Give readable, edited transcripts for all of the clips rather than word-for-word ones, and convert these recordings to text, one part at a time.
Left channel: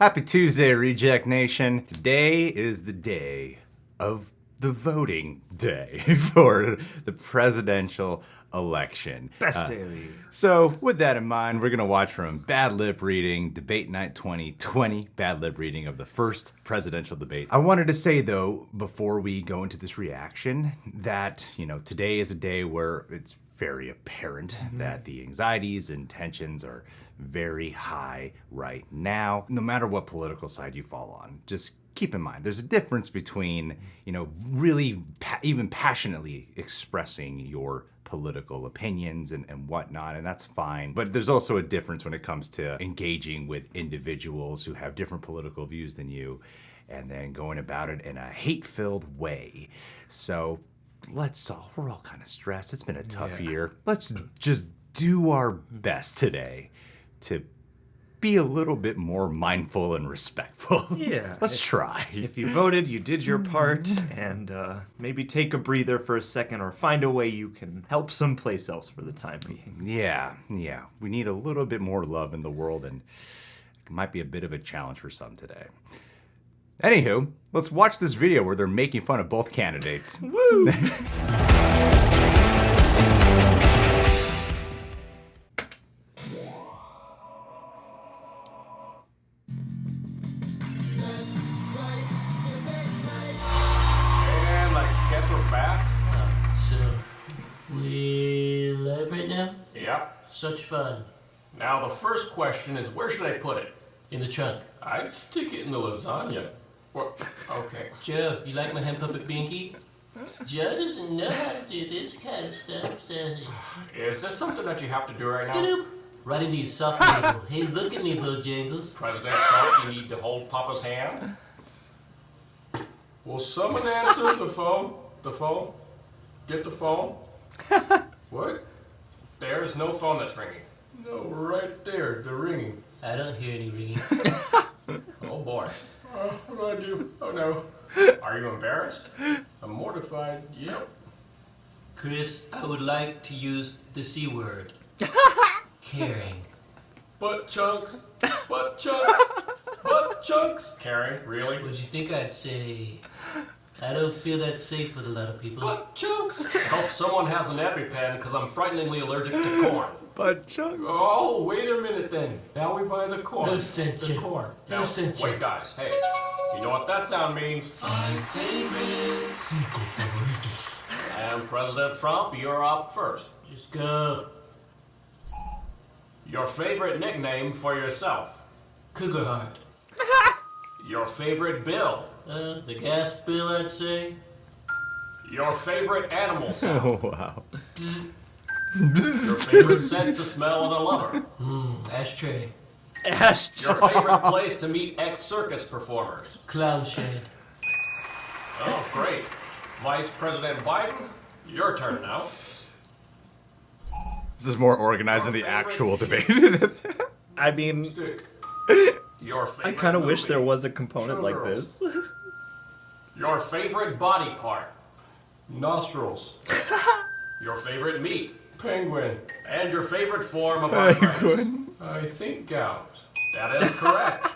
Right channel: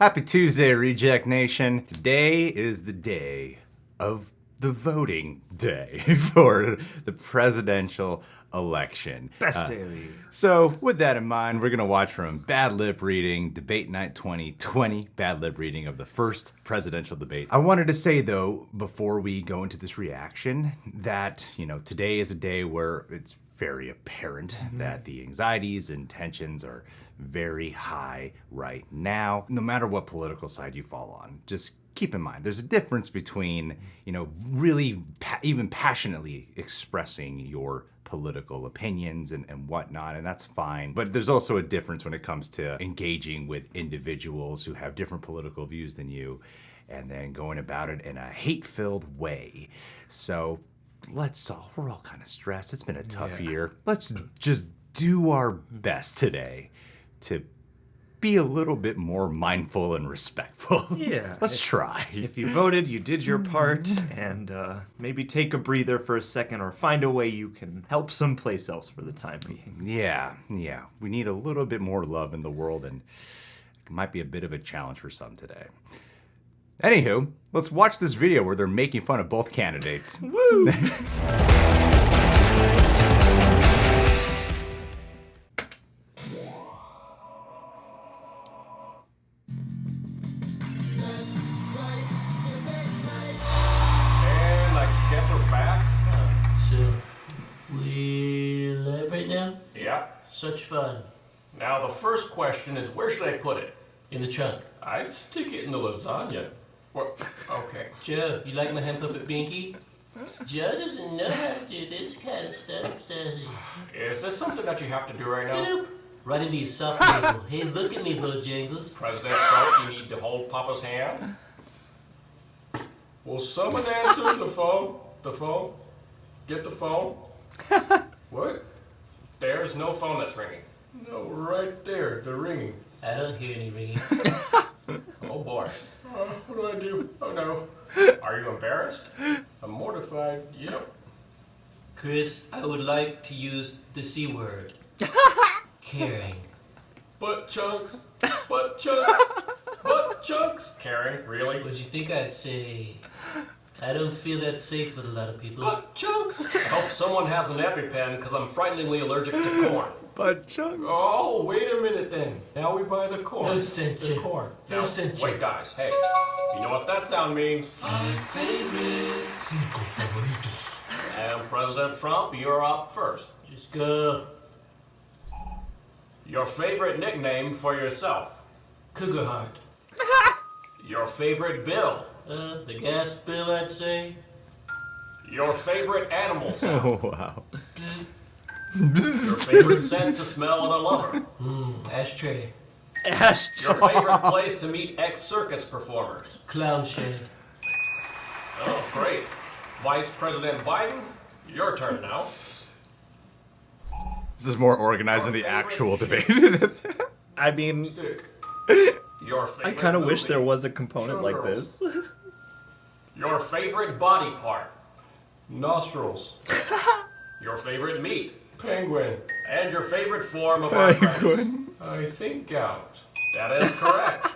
Happy Tuesday, Reject Nation. Today is the day of the voting day for the presidential election. Best day of the year. So with that in mind, we're going to watch from Bad Lip Reading, Debate Night 2020, Bad Lip Reading of the first presidential debate. I wanted to say, though, before we go into this reaction, that, today is a day where it's very apparent that the anxieties and tensions are very high right now, no matter what political side you fall on. Just keep in mind, there's a difference between, really even passionately expressing your political opinions and whatnot, and that's fine. But there's also a difference when it comes to engaging with individuals who have different political views than you, and then going about it in a hate-filled way. So we're all kind of stressed. It's been a tough year. Let's just do our best today to be a little bit more mindful and respectful. Yeah. Let's try. If you voted, you did your part, and maybe take a breather for a second or find a way you can help someplace else for the time being. Yeah. We need a little bit more love in the world, and it might be a bit of a challenge for some today. Anywho, let's watch this video where they're making fun of both candidates. Woo! And I guess we're back. So, we live right now? Yep. Such fun. Now the first question is, where should I put it? In the trunk. I'd stick it in the lasagna. What? Okay. Joe, you like my hand puppet Binky? Joe doesn't know how to do this kind of stuff, does he? Is this something that you have to do right now? Doop. Right into your soft level. Hey, look at me, Bojangles. President Trump, you need to hold Papa's hand. Will someone answer the phone? The phone? Get the phone? What? There's no phone that's ringing. No, right there. They're ringing. I don't hear any ringing. Oh boy. What do I do? Oh no. Are you embarrassed? I'm mortified. Yep. Chris, I would like to use the C word. Caring. Butt chunks. Butt chunks. Butt chunks. Caring? Really? Would you think I'd say... I don't feel that safe with a lot of people. Butt chunks. I hope someone has an EpiPen because I'm frighteningly allergic to corn. Butt chunks. Oh, wait a minute then. Now we buy the corn. No censure. The corn. No Now, censure. wait guys, hey. You know what that sound means? Cinco favoritos. And President Trump, you're up first. Just go. Your favorite nickname for yourself. Cougar heart. Your favorite bill. The gas bill, I'd say. Your favorite animal sound. Oh, wow. Your favorite scent to smell in a lover. Ashtray. Your favorite place to meet ex-circus performers. Clown shade. Oh, great. Vice President Biden, your turn now. This is more organized than the actual debate. I mean, Stick. Your favorite I kind of wish movie. there was a component like Showgirls. this. Your favorite body part. Nostrils. Your favorite meat. Penguin. And your favorite form of arthritis. Penguin. I think gout. That is correct.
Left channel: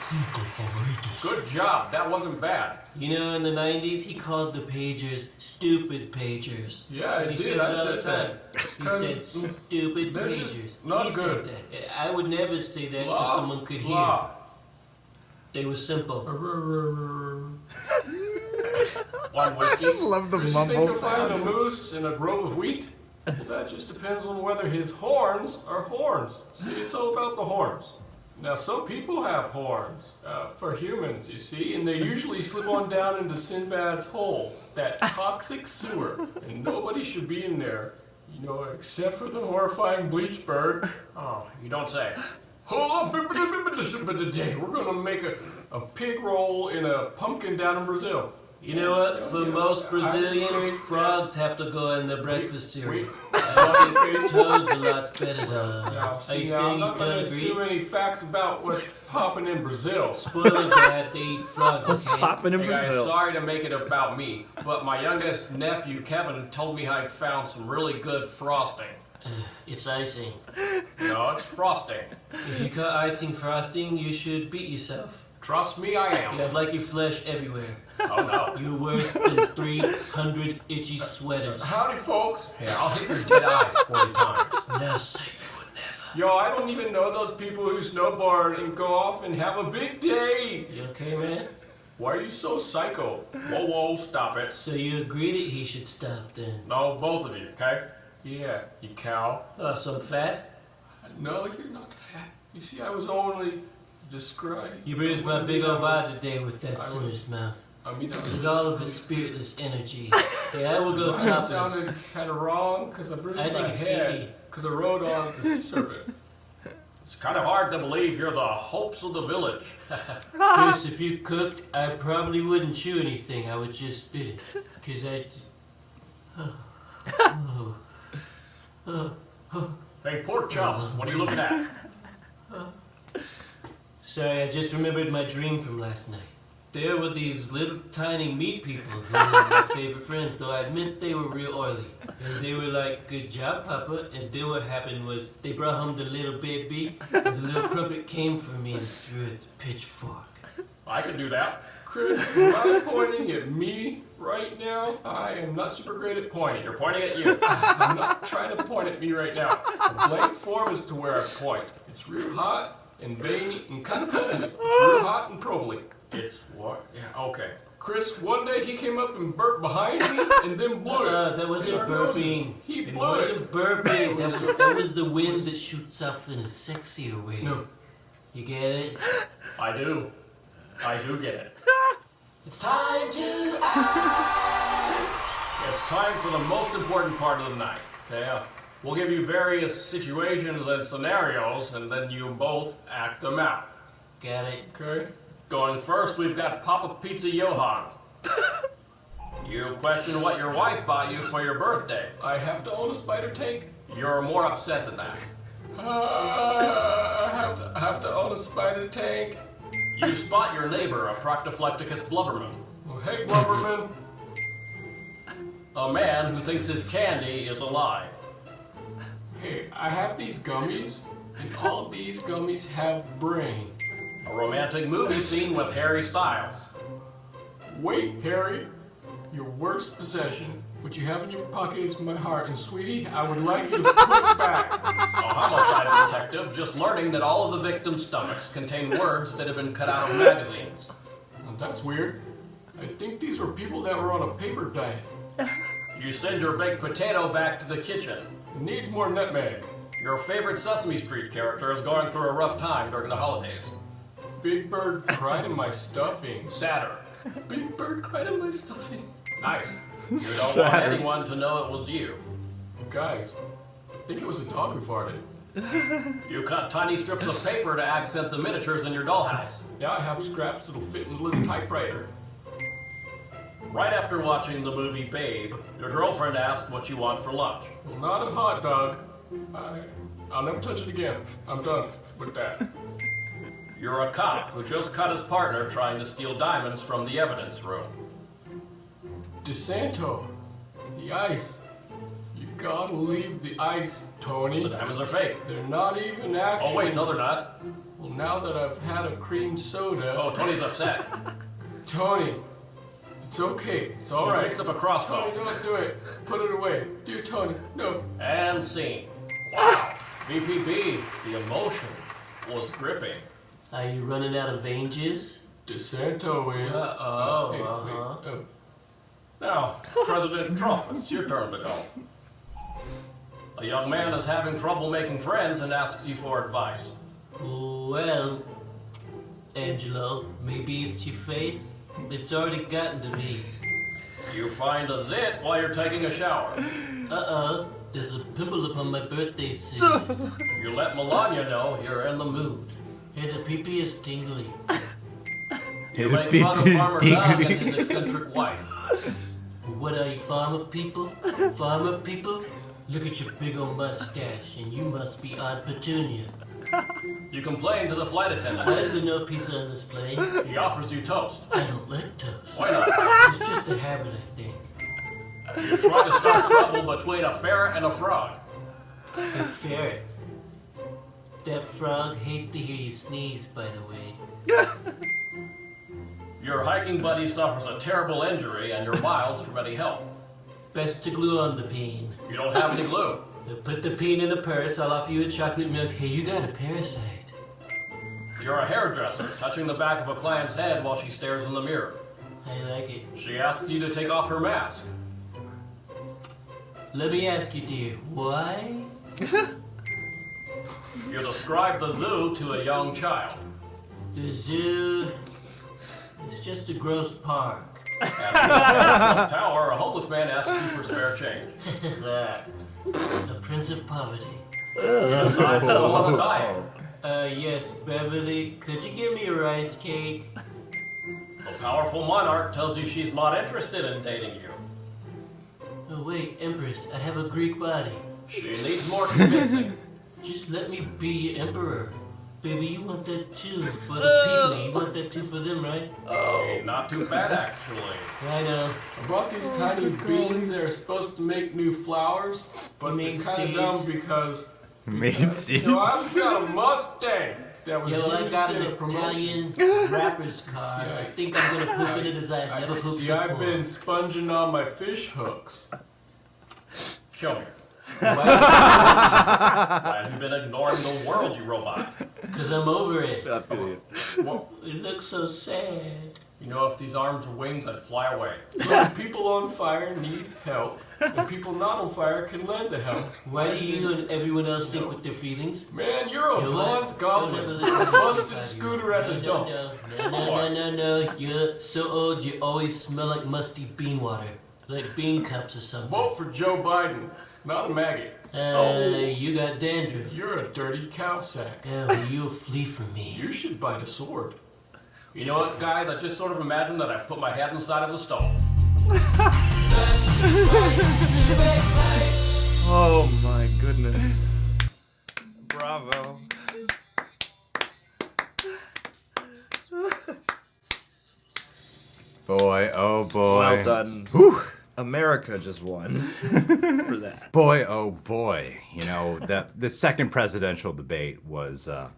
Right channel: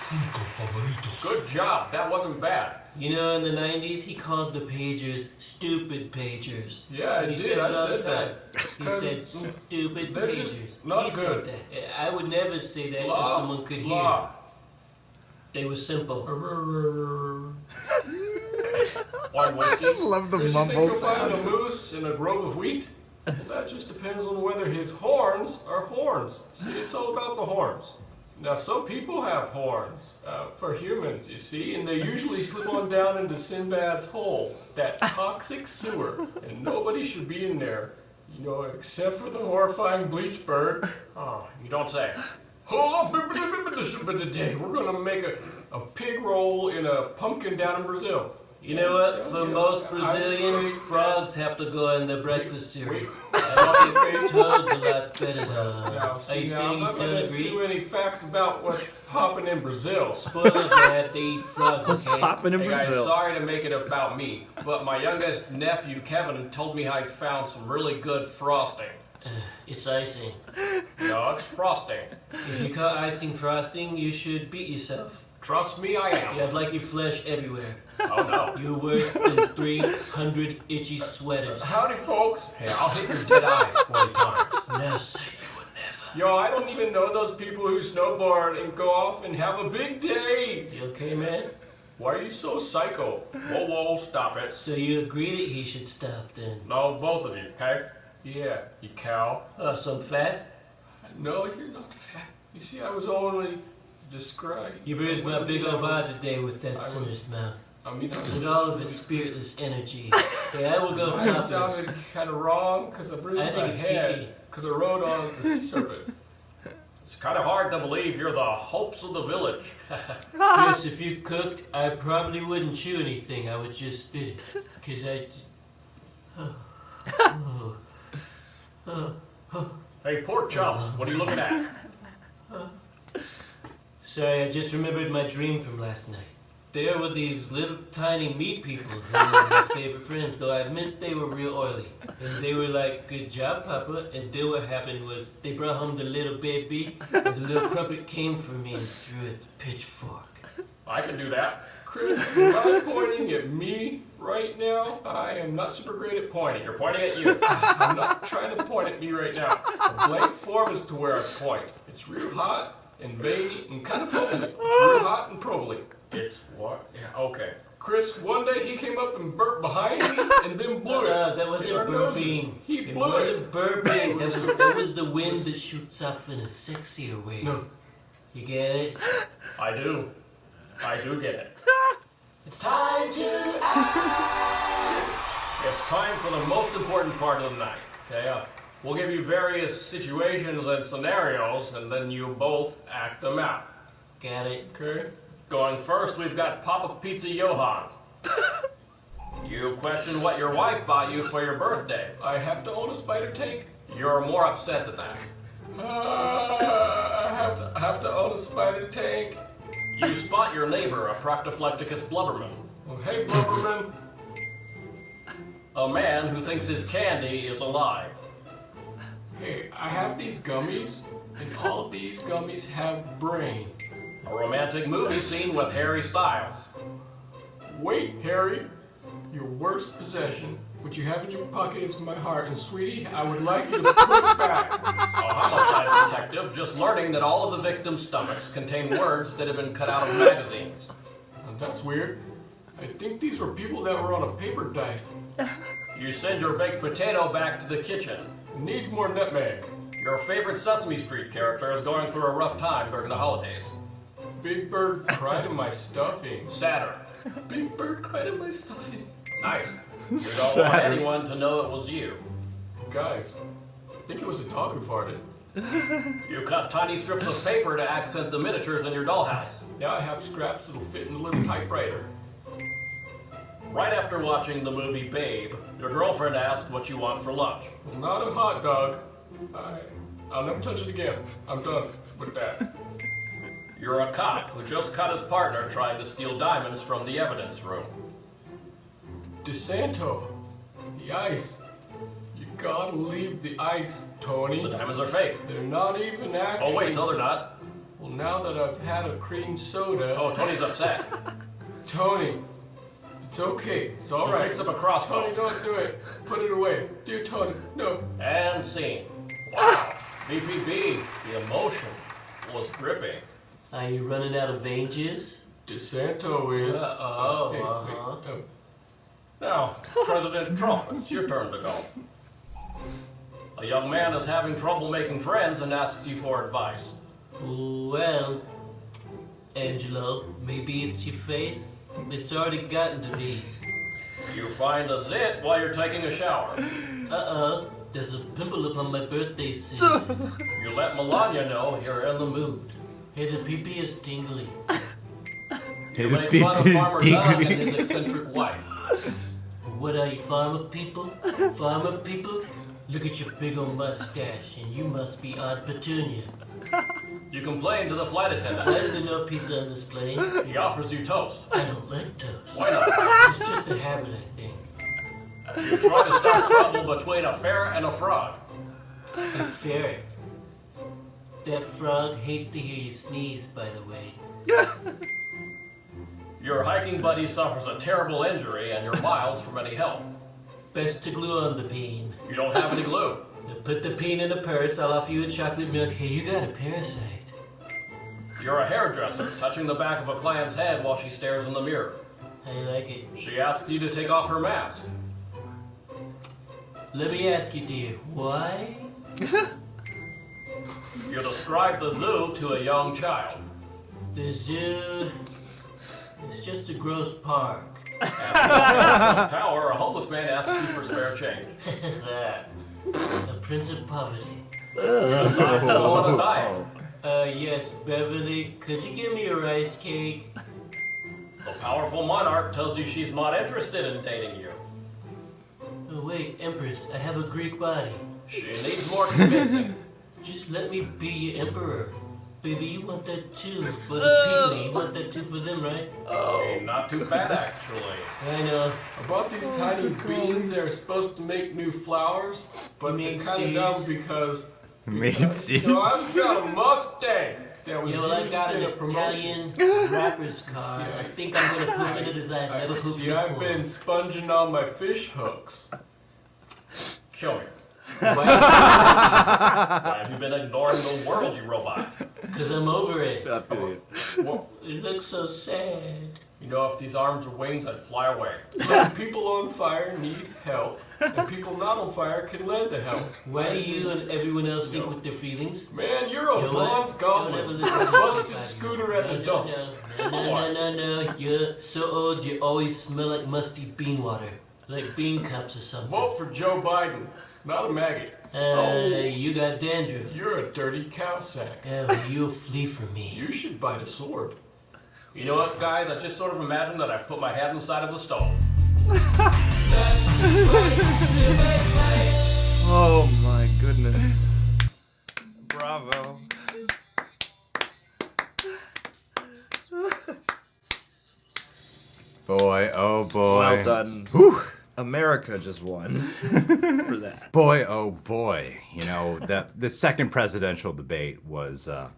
Cinco favoritos. Good job. That wasn't bad. You know, in the 90s, he called the pagers stupid pagers. Yeah, I He did. said it I all said the time. that. He said stupid they're pagers. just not He good. said that. I would never say that because Blah, someone could hear. blah. They were simple. One whiskey. I love the Does you mumble think you'll find sounds. a moose in a grove of wheat? That just depends on whether his horns are horns. See, it's all about the horns. Now, some people have horns for humans, you see, and they usually slip on down into Sinbad's hole, that toxic sewer, and nobody should be in there, except for the horrifying bleach bird. Oh, you don't say. Today, we're gonna make a pig roll in a pumpkin down in Brazil. You know what? For most Brazilians, frogs have to go in their breakfast cereal. Face. Toads a lot better though. Now, see, I now, I'm think not you going don't to agree. too many facts about what's popping in Brazil. Spoiler that they eat frogs. What's Okay? popping in Hey, guys, Brazil? sorry to make it about me, but my youngest nephew Kevin told me how he found some really good frosting. It's icing. No, it's frosting. If you call icing frosting, you should beat yourself. Trust me, I am. You have like your flesh everywhere. Oh no. You're worse than 300 itchy sweaters. Howdy, folks. Hey, I'll hit your dead eyes 40 times. Now say Yo, I don't even know those people who snowboard and go off and have a big day. you okay, man? Why are you so psycho? Whoa, whoa, stop it. So you agree that he should stop then? No, both of you, okay? Yeah, you cow. So I'm fat? No, you're not fat. You see, I was only describing. You bruised my big old body today with that sinner's mouth. I mean, With all of its spiritless energy. Yeah, I will go it topless. sounded kind of wrong because I bruised I think my it's head kinky. because I rode on the sea serpent. It's kind of hard to believe you're the hopes of the village. Chris, if you cooked, I probably wouldn't chew anything. I would just spit it. Because Hey, pork chops, what are you looking at? Sorry, I just remembered my dream from last night. There were these little tiny meat people who were my favorite friends, though I admit they were real oily. And they were like, "Good job, Papa." And then what happened was they brought home the little baby, and the little crumpet came for me and threw its pitchfork. I can do that. Chris, you're not pointing at me right now. I am not super great at pointing. You're pointing at you. I'm not trying to point at me right now. The blank form is to where I point. It's real hot and veiny and kind of provely. It's real hot and provely. It's what? Yeah, okay. Chris, one day he came up and burped behind me and then blew it. That wasn't in our noses. burping. He It blew it. wasn't burping. That was the wind that shoots off in a sexier way. No, You get it? I do. I do get it. It's time to It's time for the most important part of the night. Okay, we'll give you various situations and scenarios, and then you both act them out. Got it. Okay. Going first, we've got Papa Pizza Johan. You question what your wife bought you for your birthday. I have to own a spider tank. You're more upset than that. I have to own a spider tank. You spot your neighbor, a Proctoplecticus blubberman. Well, hey, blubberman. A man who thinks his candy is alive. Hey, I have these gummies, and all these gummies have brain. A romantic movie scene with Harry Styles. Wait, Harry. Your worst possession, which you have in your pocket, is my heart, and sweetie, I would like you to put it back. A homicide detective just learning that all of the victims' stomachs contain words that have been cut out of magazines. Well, that's weird. I think these were people that were on a paper diet. You send your baked potato back to the kitchen. It needs more nutmeg. Your favorite Sesame Street character is going through a rough time during the holidays. Big Bird cried in my stuffing. Saturn. Big Bird cried in my stuffing. Nice. We don't want anyone to know it was you. Guys, I think it was a dog who farted. You cut tiny strips of paper to accent the miniatures in your dollhouse. Now I have scraps that'll fit in the little typewriter. Right after watching the movie Babe, your girlfriend asked what you want for lunch. Well, not a hot dog. I'll never touch it again. I'm done with that. You're a cop who just caught his partner trying to steal diamonds from the evidence room. DeSanto, the ice. You gotta leave the ice, Tony. The diamonds are fake. They're not even actual. Oh wait, no they're not. Well, now that I've had a cream soda. Oh, Tony's upset. Tony, it's okay. It's all right. He picks up a crossbow. Tony, don't do it. Put it away. Dear Tony, no. And scene. Wow. VPB, the emotion was gripping. Are you running out of ranges? DeSanto is. Hey. Now, President Trump, it's your turn to go. A young man is having trouble making friends and asks you for advice. Well, Angelo, maybe it's your face. It's already gotten to me. You find a zit while you're taking a shower. There's a pimple upon my birthday suit. You let Melania know you're in the mood. Hey, the pee-pee is tingling. You The make beep fun of is Farmer Brown and diggly. his eccentric wife. What are you, farmer people? Farmer people? Look at your big old mustache, and you must be Aunt Petunia. You complain to the flight Why attendant. is there no pizza on this plane? He offers you toast. I don't like toast. Why not? It's just a habit, I think. You try to start trouble between a ferret and a frog. A ferret. That frog hates to hear you sneeze, by the way. Your hiking buddy suffers a terrible injury and you're miles from any help. Best to glue on the peen. You don't have any glue. Now put the peen in a purse, I'll offer you a chocolate milk. Hey, you got a parasite. You're a hairdresser, touching the back of a client's head while she stares in the mirror. I like it. She asks you to take off her mask. Let me ask you, dear, why? You describe the zoo to a young child. The zoo is just a gross park. Tower, a homeless man asks you for spare change. The Prince of Poverty. On a diet. Yes, Beverly, could you give me a rice cake? The powerful monarch tells you she's not interested in dating you. Oh, wait, Empress, I have a Greek body. She needs more convincing. Just let me be your emperor. Baby, you want that too for the people. You want that too for them, right? Hey, not too bad, actually. I know. I brought these tiny beans that are supposed to make new flowers, but they're Mean kind of dumb seeds. because Made seeds. I've got a Mustang that was Yeah, well, I used got in an a promotion. Italian rapper's card. I think I'm gonna poop in it as I've never pooped See, I've before. been sponging on my fish hooks. Kill me. Why? Have you been ignoring the world, you robot? Cause I'm over it. I feel you. Well, It looks so sad. you know, if these arms were wings, I'd fly away. Look, people on fire need help, and people not on fire can lend a help. Why do you and everyone else think with their feelings? Man, you're a You know what? bronze Don't ever goblin. listen to Busted anybody. scooter at the No, dump. No. You're so old you always smell like musty bean water. Like bean cups or something. Vote for Joe Biden, not a maggot. You got dandruff. You're a dirty cow sack. Well, you'll flee from me. You should bite a sword. You know what, guys? I just sort of imagined that I put my head inside of a stove. Oh my goodness. Bravo. Boy, oh boy. Well done. Whew. America just won for that. Boy, oh boy. You know, the second presidential debate was a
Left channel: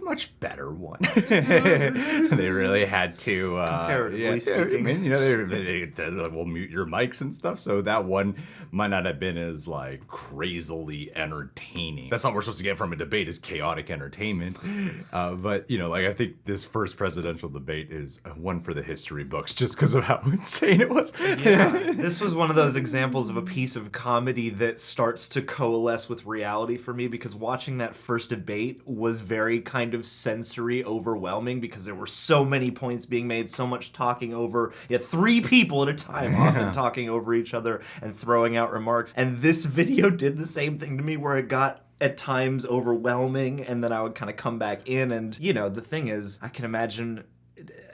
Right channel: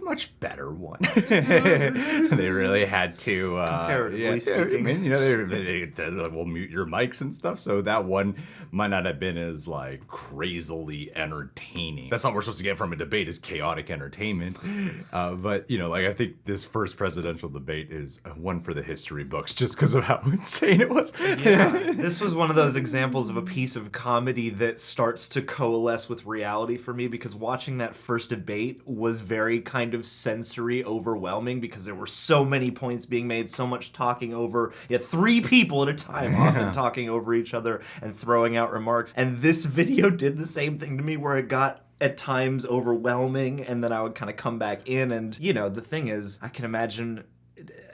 much better one. They really had to, Comparatively speaking. I mean, you know, they will mute your mics and stuff, so that one might not have been as, like, crazily entertaining. That's not what we're supposed to get from a debate, is chaotic entertainment. But, you know, like, I think this first presidential debate is one for the history books, just because of how insane it was. Yeah, this was one of those examples of a piece of comedy that starts to coalesce with reality for me, because watching that first debate was very kind of sensory overwhelming, because there were so many points being made, so much talking over. You had three people at a time often talking over each other and throwing out remarks. And this video did the same thing to me, where it got at times overwhelming, and then I would kind of come back in. And, you know, the thing is, I can imagine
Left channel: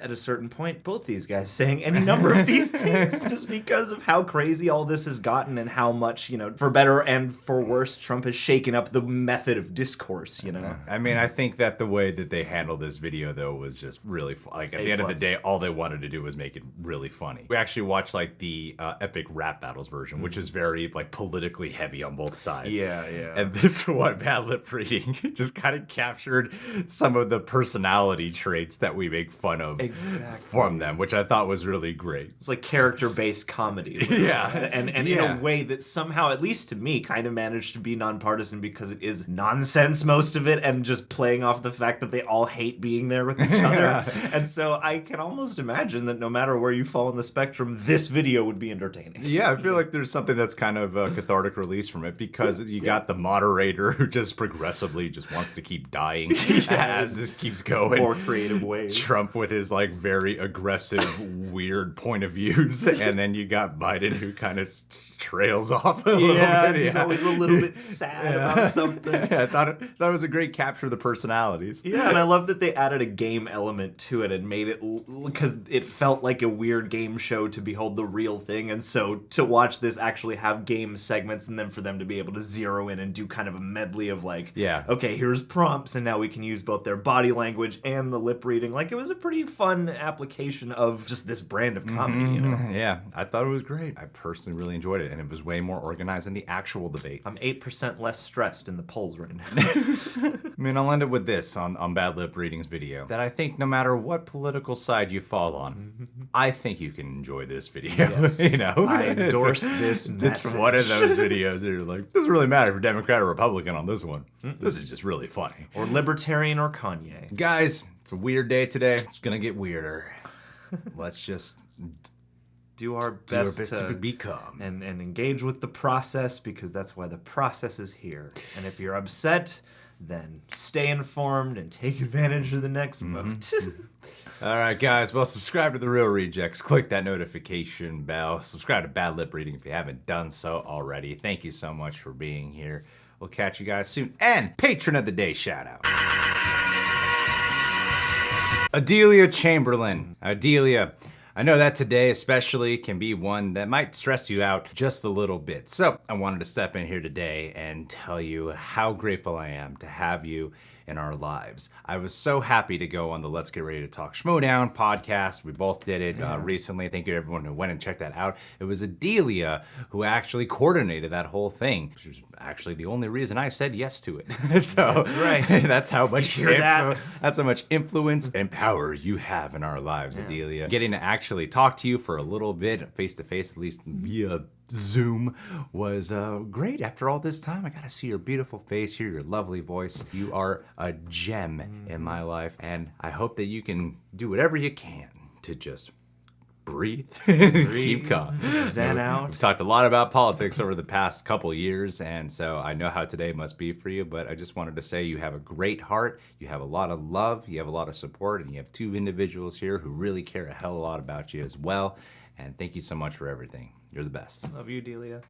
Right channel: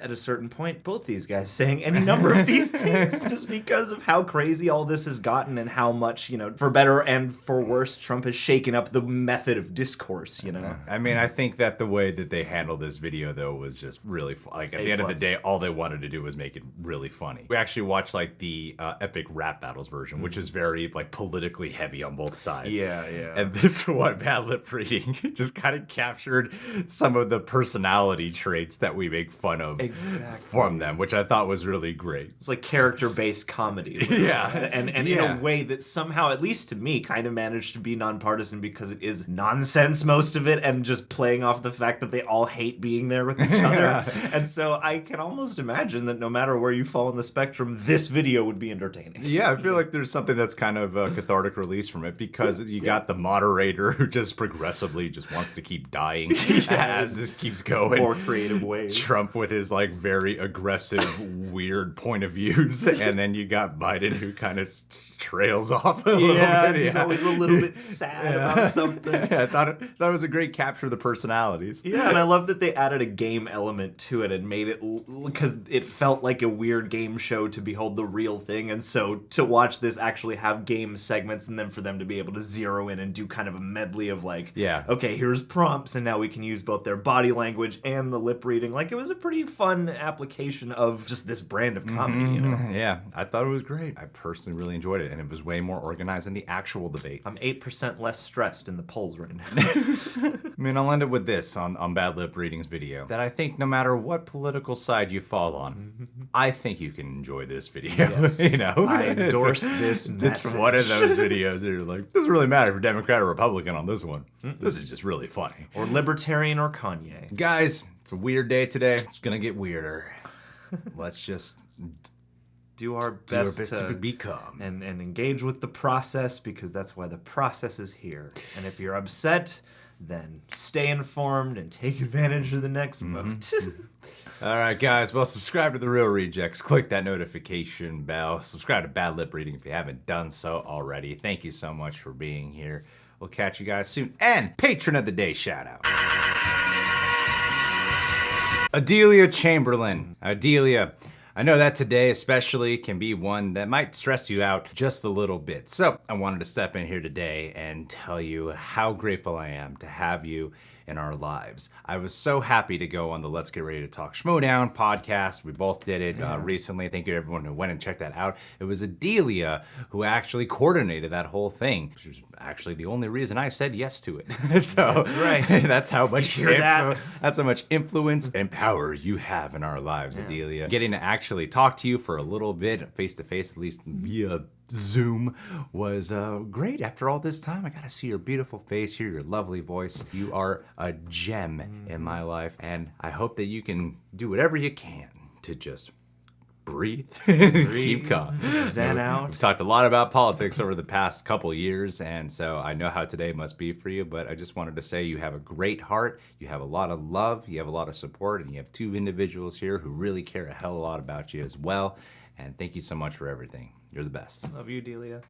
at a certain point both these guys saying any number of these things, just because of how crazy all this has gotten and how much, you know, for better and for worse, Trump has shaken up the method of discourse, you know. I mean, I think that the way that they handled this video, though, was just really like, at the end of the day, all they wanted to do was make it really funny. We actually watched, like, the epic rap battles version, which is very, like, politically heavy on both sides. Yeah. And this one, Bad Lip Reading, just kind of captured some of the personality traits that we make fun of from them, which I thought was really great. It's like character-based comedy. Yeah. And in a way that somehow, at least to me, kind of managed to be nonpartisan, because it is nonsense, most of it, and just playing off the fact that they all hate being there with each other. And so I can almost imagine that no matter where you fall on the spectrum, this video would be entertaining. Yeah, I feel like there's something that's kind of a cathartic release from it, because you got the moderator who just progressively just wants to keep dying as this keeps going. More creative ways. Trump with his, like, like very aggressive, weird point of views, and then you got Biden who kind of trails off a little bit. he's always a little bit sad about something. I thought it was a great capture of the personalities. Yeah, and I love that they added a game element to it and made it because it felt like a weird game show to behold the real thing, and so to watch this actually have game segments and then for them to be able to zero in and do kind of a medley of like, Yeah. okay, here's prompts, and now we can use both their body language and the lip reading. Like, it was a pretty fun application of just this brand of comedy, you know? Yeah, I thought it was great. I personally really enjoyed it, and it was way more organized than the actual debate. I'm 8% less stressed in the polls right now. I mean, I'll end it with this on Bad Lip Reading's video, that I think no matter what political side you fall on, I think you can enjoy this video. Yes. You know? I endorse this It's message. one of those videos that you're like, doesn't really matter if you're Democrat or Republican on this one. This is just really funny. Or libertarian or Kanye. Guys, it's a weird day today. It's gonna get weirder. Let's just Do our do our best, best to be calm. and engage with the process, because that's why the process is here. And if you're upset, then stay informed and take advantage of the next vote. All right, guys. Well, subscribe to The Real Rejects. Click that notification bell. Subscribe to Bad Lip Reading if you haven't done so already. Thank you so much for being here. We'll catch you guys soon. And Patron of the Day shout out. Adelia Chamberlain. Adelia, I know that today especially can be one that might stress you out just a little bit. So I wanted to step in here today and tell you how grateful I am to have you in our lives. I was so happy to go on the Let's Get Ready to Talk Schmodown podcast. We both did it recently. Thank you to everyone who went and checked that out. It was Adelia who actually coordinated that whole thing, which was actually the only reason I said yes to it. So That's right. that's how much hear that? that's how much influence and power you have in our lives, Adelia. Getting to actually talk to you for a little bit, face to face, at least via Zoom, was great. After all this time, I got to see your beautiful face, hear your lovely voice. You are a gem in my life, and I hope that you can do whatever you can to just breathe, keep calm. Zen out. We've talked a lot about politics over the past couple years, and so I know how today must be for you, but I just wanted to say you have a great heart, you have a lot of love, you have a lot of support, and you have two individuals here who really care a hell of a lot about you as well, and thank you so much for everything. You're the best. Love you, Delia.